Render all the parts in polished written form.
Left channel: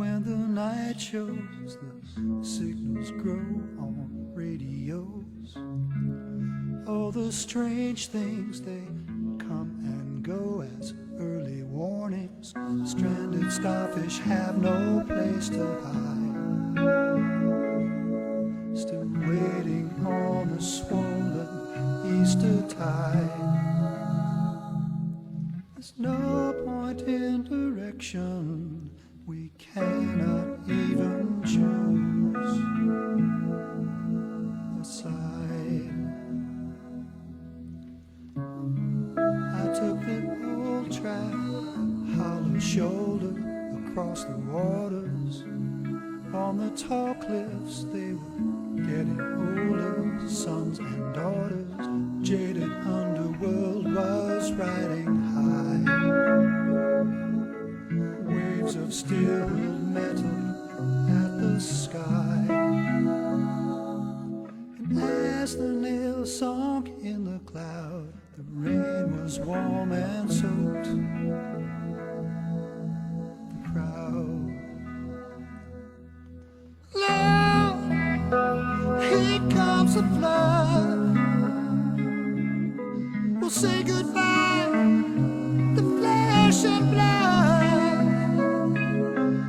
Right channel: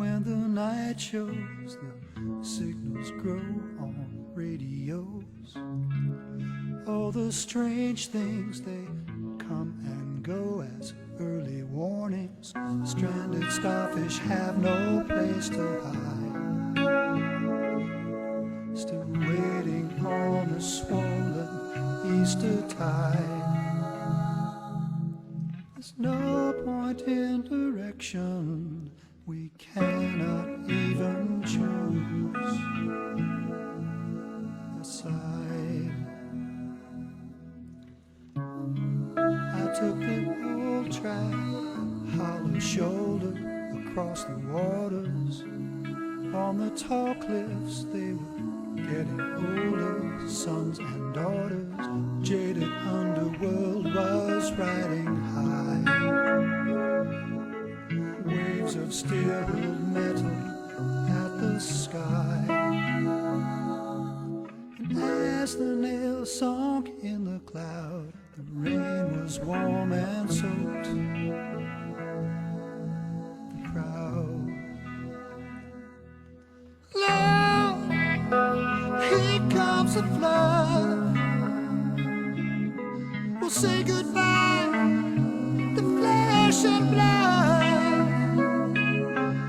when the night shows, the signals grow on radios. Oh, the strange things, they come and go as early warnings. Stranded starfish have no place to hide, still waiting on the swollen Easter tide. There's no point in direction, we cannot even choose a side. I took the old track, hollow shoulder across the waters. On the tall cliffs they were getting older, sons and daughters. Jaded underworld was riding high, waves of steel-hurled metal at the sky. And as the nails sunk in the cloud, the rain was warm and soaked the crowd. Lord, here comes the flood. We'll say goodbye to flesh and blood.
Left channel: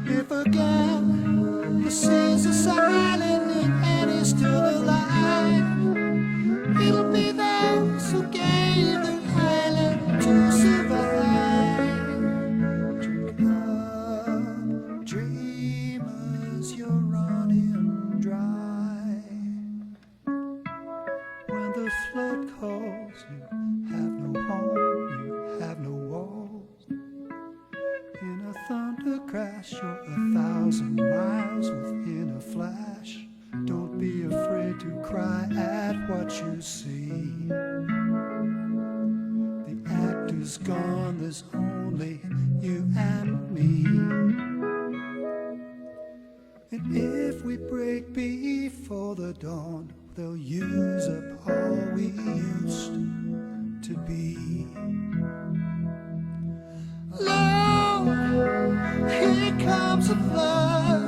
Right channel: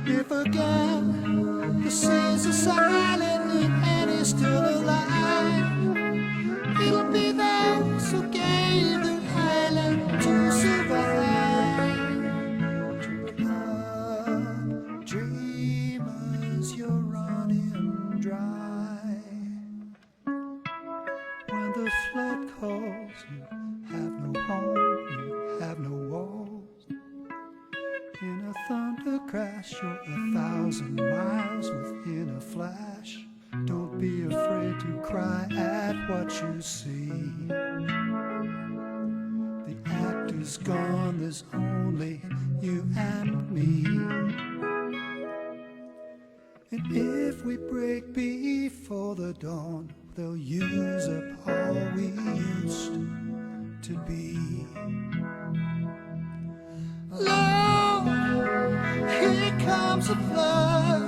If again the seas are silent and he's still alive, it'll be those who gave their island to survive. Drink up, dreamers, you're running dry. When the flood calls, you have no home, you have no walls. In a thunder crash, you're 1,000 miles within a flash. Don't be afraid to cry at what you see. The actor's gone, there's only you and me. And if we break before the dawn, they'll use up all we used to be. Lord, here comes the flood.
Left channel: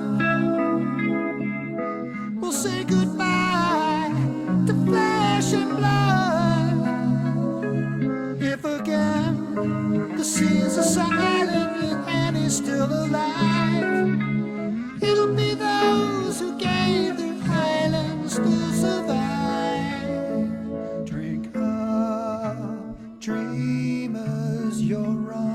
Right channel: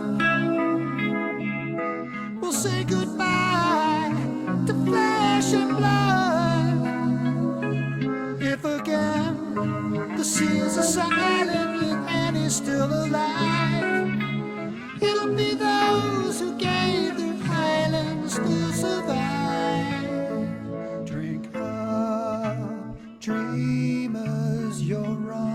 We'll say goodbye to flesh and blood. If again the seas are silent and he's still alive, it'll be those who gave their islands to survive. Drink up, dreamers, you're right.